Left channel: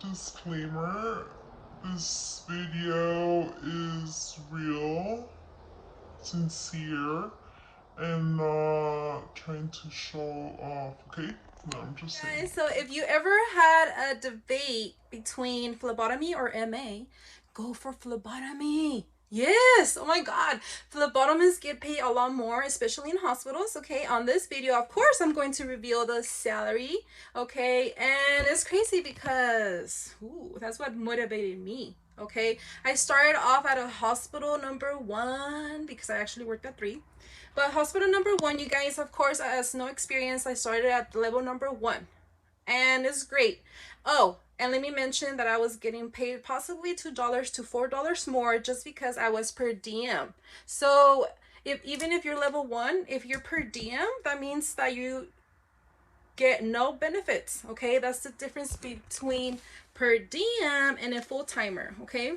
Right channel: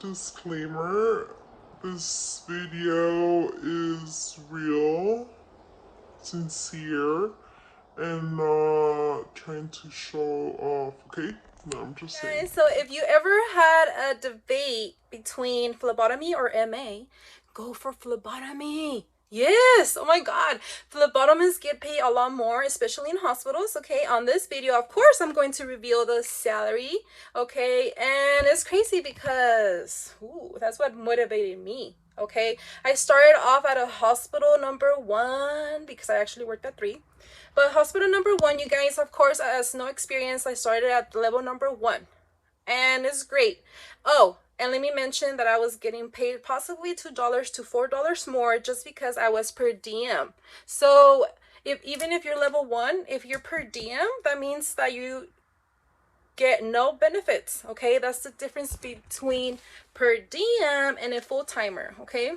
disclaimer, this video is real, sincere, and not trying to show off, okay? No, I'm just saying. So if you ever had a debate between phlebotomy or MA, go for phlebotomy. Yes, oh my god. Phlebotomists get paid a lot more, especially in hospitals. Okay, on this video, of course, I'm going to reveal the salary. Okay, and it's crazy because that's what motivated me. Okay, I started off at a hospital number 1 because I actually worked at 3. But hospital number 1, you guys, of course, as no experience, I started at level number 1. And it's great. Oh, and let me mention that I was getting paid possibly $2 to $4 more just because I was per diem. So even if you're level 1, if you're per diem, that means that you get no benefits. Okay, that's the difference between per diem and a full-timer. Okay,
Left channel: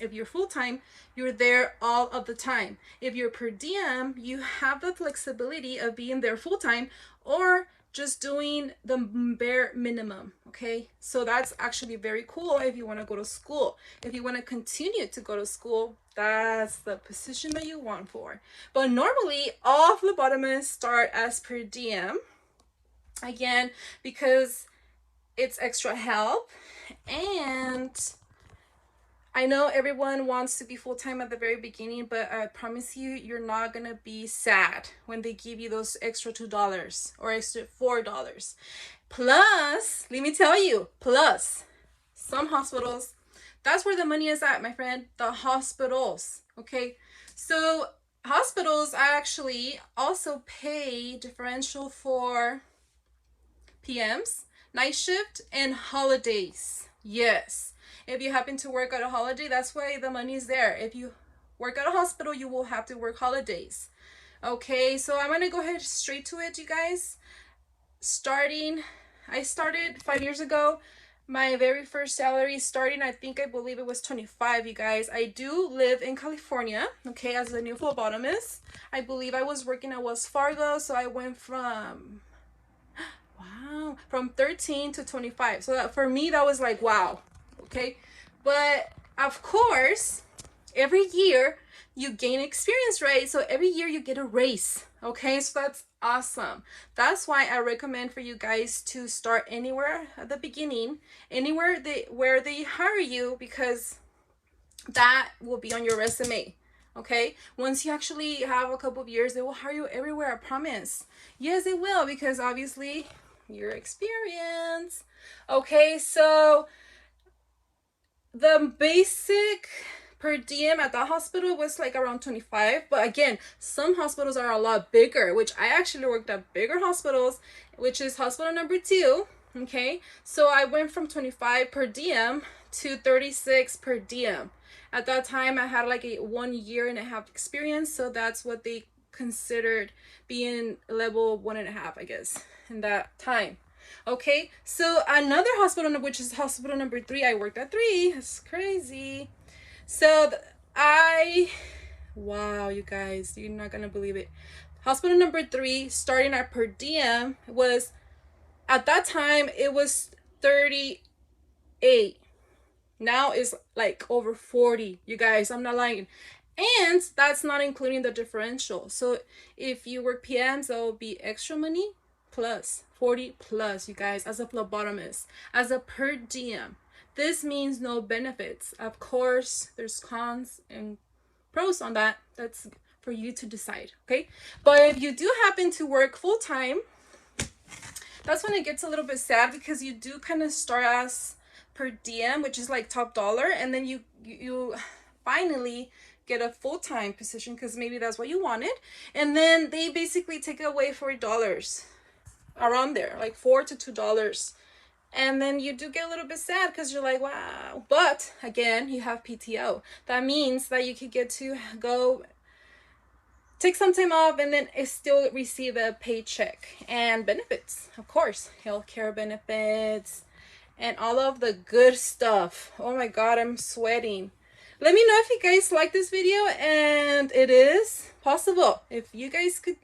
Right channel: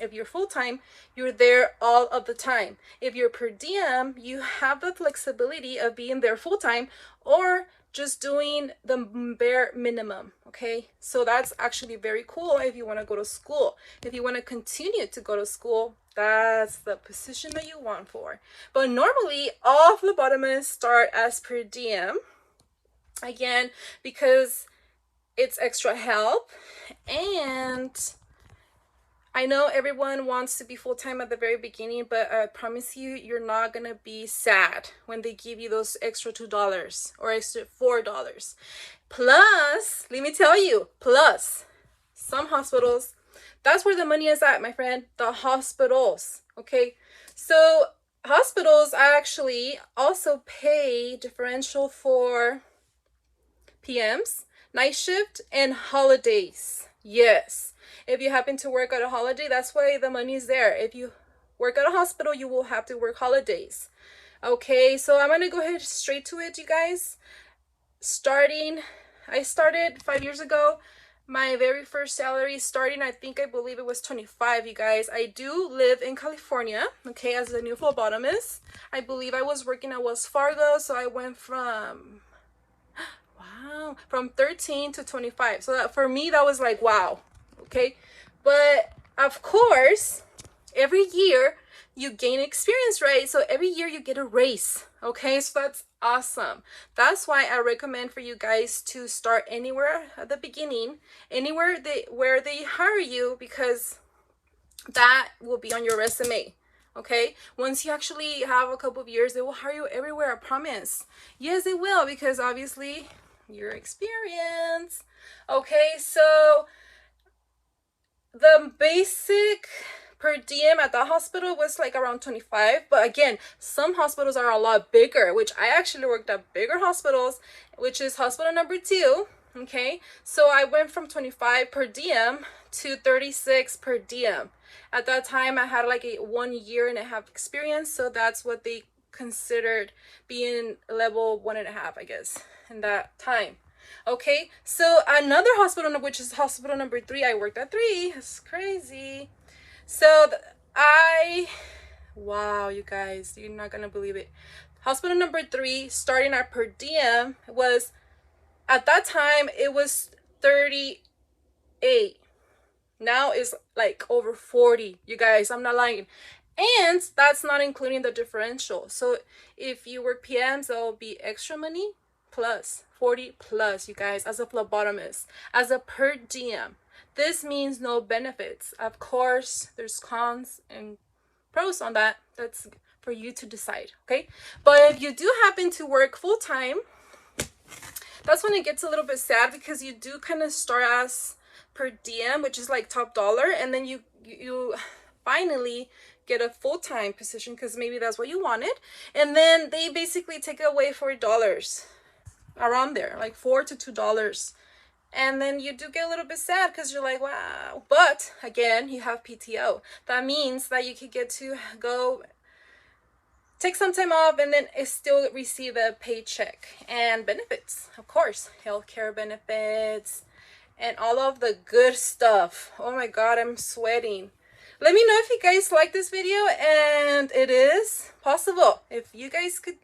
if you're full-time, you're there all of the time. If you're per diem, you have the flexibility of being there full-time or just doing the bare minimum. Okay, so that's actually very cool if you want to go to school. If you want to continue to go to school, that's the position that you want for. But normally all phlebotomists start as per diem, again, because it's extra help. And I know everyone wants to be full-time at the very beginning, but I promise you, you're not gonna be sad when they give you those extra $2 or extra $4. Plus, let me tell you, plus some hospitals, that's where the money is at, my friend. The hospitals. Okay, so hospitals actually also pay differential for PMs, night shift, and holidays. Yes, if you happen to work at a holiday, that's why the money's there. If you work at a hospital, you will have to work holidays. Okay, so I'm gonna go ahead straight to it, you guys. I started 5 years ago. My very first salary starting, I believe it was 25, you guys. I do live in California, okay, as a new phlebotomist. I believe I was working at Wells Fargo, so I went from 13 to 25. So for me, that was like, wow. Okay, but of course, every year you gain experience, right? So every year you get a raise. Okay, so that's awesome. That's why I recommend for you guys to start anywhere at the beginning, anywhere where they hire you, because that will be on your resume. Okay, once you actually have a couple of years, they will hire you everywhere, I promise. Yes, they will, because obviously your experience. Okay, so the basic per diem at the hospital was like around 25, but again, some hospitals are a lot bigger, which I actually worked at bigger hospitals, which is hospital number 2. Okay, so I went from 25 per diem to 36 per diem. At that time, I had like a 1.5 year experience, so that's what they considered being level 1.5, I guess, in that time. Okay, so another hospital, which is hospital number 3, I worked at 3. It's crazy. So wow, you guys, you're not gonna believe it. Hospital number 3, starting at per diem, was, at that time, it was 38. Now it's like over 40, you guys, I'm not lying. And that's not including the differential. So if you work PMs, there'll be extra money plus 40 plus, you guys, as a phlebotomist, as a per diem. This means no benefits. Of course, there's cons and pros on that. That's for you to decide, okay? But if you do happen to work full-time, that's when it gets a little bit sad, because you do kind of start as per diem, which is like top dollar, and then you finally get a full-time position because maybe that's what you wanted, and then they basically take away $4 around there, like $4 to $2, and then you do get a little bit sad because you're like, wow. But again, you have PTO. That means that you could get to go take some time off and then still receive a paycheck and benefits, of course, healthcare benefits and all of the good stuff. Oh my god, I'm sweating. Let me know if you guys like this video, and it is possible. If you guys could,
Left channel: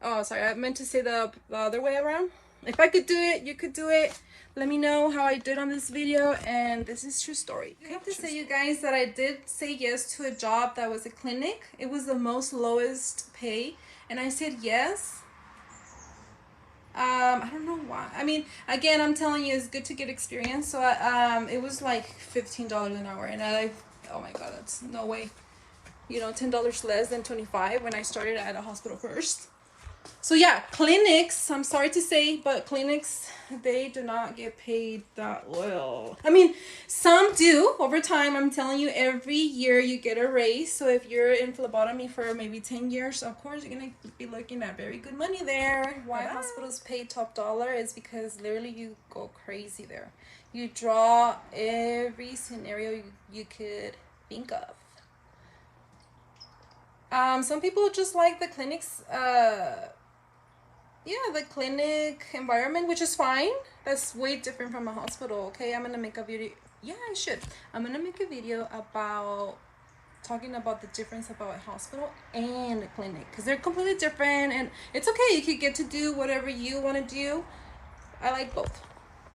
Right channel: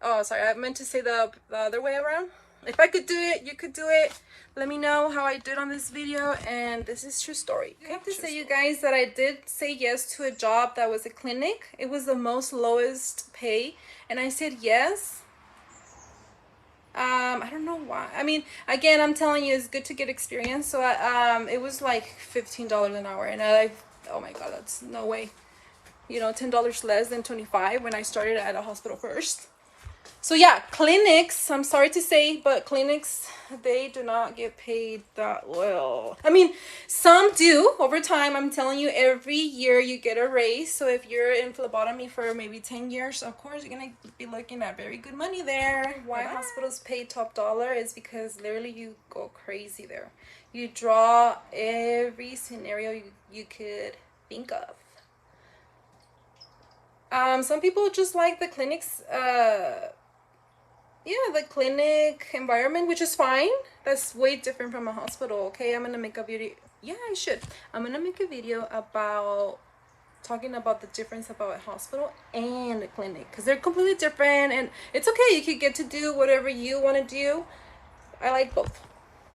oh sorry, I meant to say the other way around. If I could do it, you could do it. Let me know how I did on this video, and this is true story. I have to say, you guys, that I did say yes to a job that was a clinic. It was the most lowest pay, and I said yes. I don't know why. I mean, again, I'm telling you, it's good to get experience. So it was like $15 an hour, and oh my god, that's no way. You know, $10 less than 25 when I started at a hospital first. So yeah, clinics, I'm sorry to say, but clinics, they do not get paid that well. I mean, some do over time. I'm telling you, every year you get a raise. So if you're in phlebotomy for maybe 10 years, of course, you're going to be looking at very good money there. Why hospitals pay top dollar is because literally you go crazy there. You draw every scenario you could think of. Some people just like the clinics, the clinic environment, which is fine. That's way different from a hospital. Okay, I'm gonna make a video. Yeah, I should. I'm gonna make a video about talking about the difference about a hospital and a clinic, because they're completely different, and it's okay. You could get to do whatever you want to do. I like both.